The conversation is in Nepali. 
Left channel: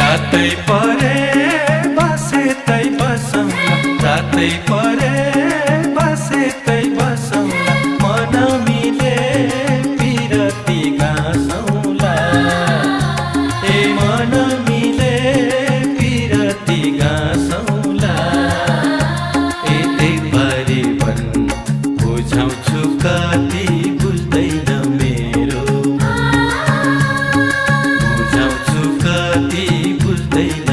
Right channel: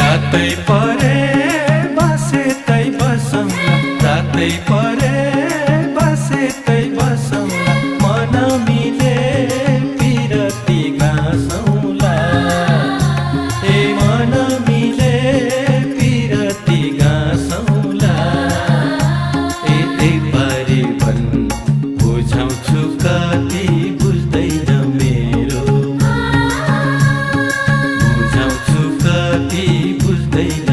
रातै परे बसेतै बसौँला, रातै परे बसेतै बसौँला, मन मिले पिरती गाँसौँला। ए मन मिले पिरती गाँसौँला। ए त्यही परिवन बुझाउँछु कति बुझ्दैन मेरो, बुझाउँछु कति बुझ्दैन